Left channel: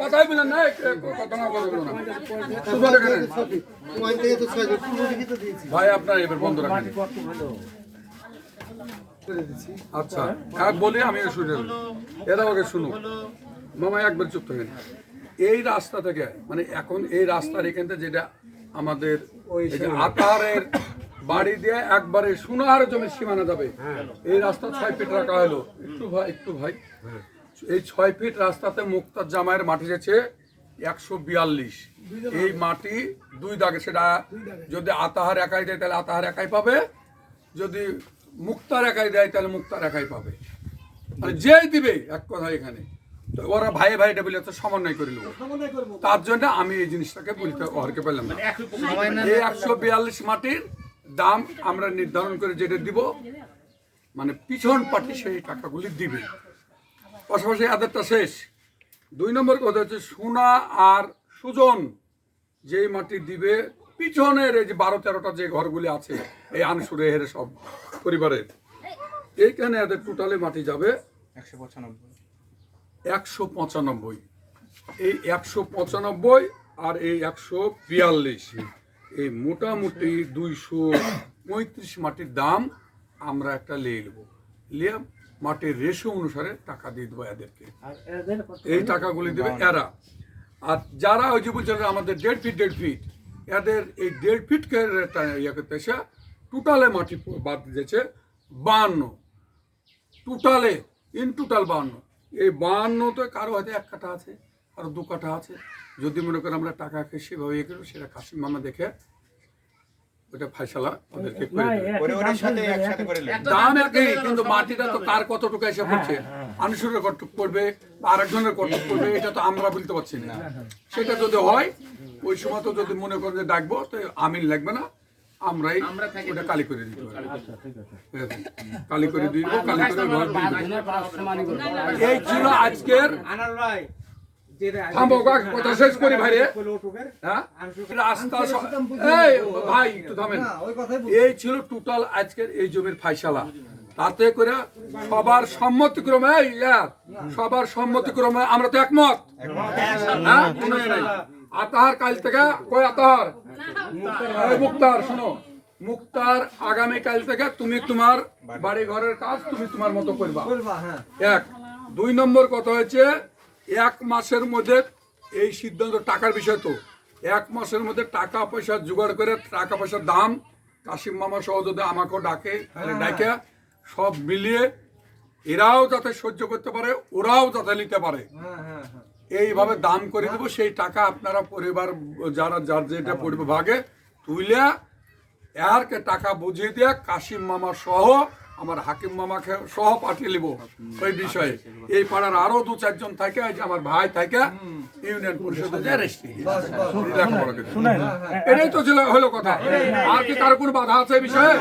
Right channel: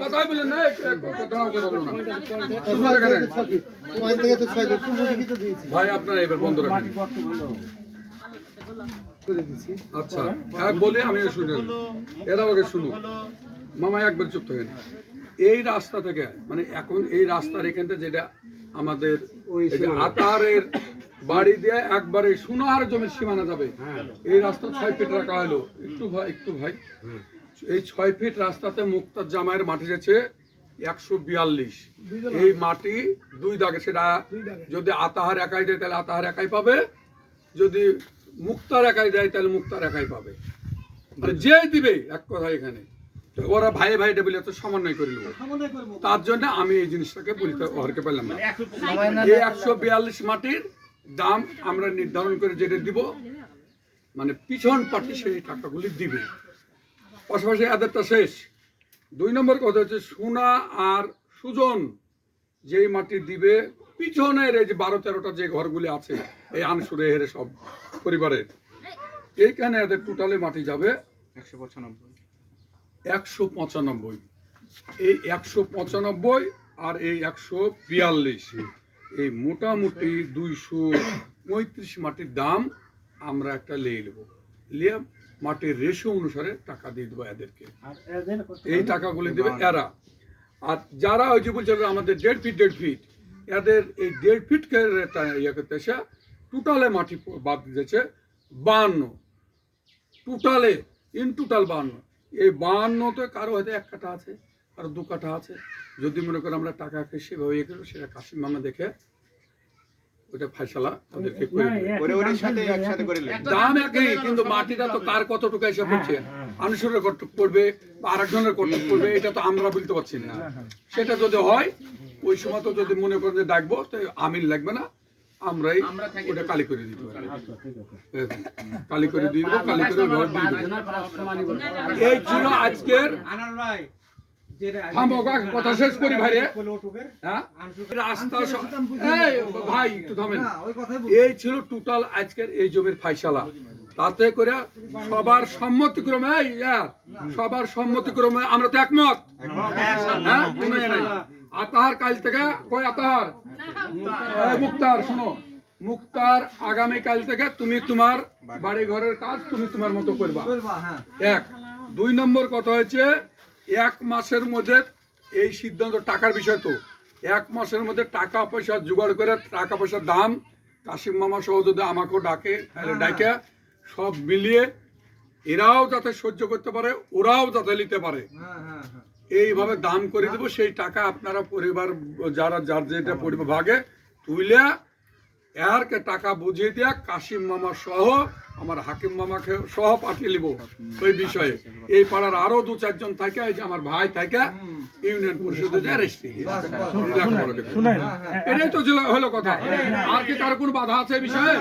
কথাই বলেন না ভাই, আপনার এবার বন্ধ রাখেন। আচ্ছা বলি আমি শুনে এরা ওকে শুনুক। মামা একবার চুপ থাকেন। এই রাস্তা থেকে মানে এখন এই রাস্তার এখান থেকে যেটা আমাদের আতারের বাড়ি দিয়ে একবারে সোনার জমির সীমানা যাবে, এই রাস্তা 6 ফিট রাখা হলো। একটু ভাই এই 6 ফিট রাস্তাতে মুক্তার জামাইয়ের মাটি গেছে 142। এই মাটি 2 দাগে, সেটা যদি আতাহার একাই দেয় তাহলে আতাহার একাই পাবে, যদি মুক্তার একাই দেয় তাহলে মুক্তার একাই পাবে। মানে যেই দিবে এক কথা এখানে ওরা ভাই ভাইটা বলে তো সমন্বয় করে নেবো। তার জন্য আমি এই জিনিসটাকে বলতে ওরকে পেলাম না। এই 142 মাটির দাম আমরা নির্ধারণ করে যেটা দিব, মানে পিছন পার্টি সেই টাকাগুলি দিবে। পাশাপাশি এদেরটা শেষ। 2 নম্বর কথা হচ্ছে সোনা আর সুজন যেই মাটি দিবে পিছনের এই যে 12-13টা যে ঘরগুলি আছে এই আনসুরে হেরে সব পরিবারের, এইখানে এদের টোটালি মাটি যাবে 195। এই 195 আর এই 142, এই মোটামুটি 235 মাটির দাম আমরা একটা লিয়ে নেবো। লিয়ে মাটির রেশো অনুসারে টাকা দিয়ে দেবো এদেরকে। এই টাকাগুলি দেবে এরা। আর যারা ওই যে বলছে আমাদের 1.5 ফিট এদের এই 1.5 ফিট ইয়ে করতে এসে টোটালে মাটি বাদ দিয়েছে 52। টোটালে টোটাল 52। এই 52 কারো হয়তো 1 কাঠা আছে, কারো 2 কাঠা আছে। যদি মনে করেন আমরা টাকাকে সেভাবে ইয়ে করবো, সেটা কাশিম মামা দেখে ওটা ফাইসালা ওদেরকে দাম একই, কিন্তু মাটিটা তো তার কতটুকু এসে পড়ছে, আনুষুরের কতটুকু পড়বে বা আরেকজনের কতটুকু পড়বে, এটা তো আমরা বলতে পারছি না। সেটা যদি হয় ওই সময় তো যদি মনে করেন যে ডাকবো তো আমিন লাগবে না, আমরাই ওটা কালি করে দিতে পারি। কালি করে দিয়ে দেবো, কালি করে ঘর দিয়ে দেবো। এই ছিল আজকের কথা শেষ করি ভাই। রাস্তা ভাই একটু থামেন। এই ছিল টোটাল আজকের এই জমির ফাইসালা। তাতে করে সবার সম্মতিক্রমে সবার সম্মতিক্রমে আমরা তো একমত। হ্যাঁ কোনো নাই। আতাহার কাল থেকে কই আতাহার মুক্তার শোনো, মুক্তার আগামী কাল থেকে তুমি তোমার বাড়ি ঘরের কাজ তুমি তোমার মতো করবা। 1 2 নম্বর কথা হচ্ছে 1 মাসের মধ্যে এই সিদ্ধান্ত, টাকার বিষয় তো 1 মাসের মধ্যে টাকা পয়সা জোগাড় করে টাকা পয়সার দাম কাশিম মামা সহ যদি আমাকেও ডাকে ডাকে সব মিলিয়ে এরাও যাতে সহ্য করতে পারে, ওরাও যাতে নিতে পারে, এইভাবে দাম করে দেবো। সেই টাকা আপনারা পরিবার যারা যার যেটা পরিবার ভাগে তুইলে এরকে টাকা বুঝিয়ে দিয়ে কাশিম মামা সহ আমার হাকিম মামাকে সহ পাঠিয়ে নিব ওই বিষয়ে। এই পাড়ার আরো 2-4 জন থাকে, আমার ভাই থাকে ইউনিয়ন পরিষদে এটাই তো হলো কথা। আর কি তার কোনো বাধা আছে এই বিষয়ে?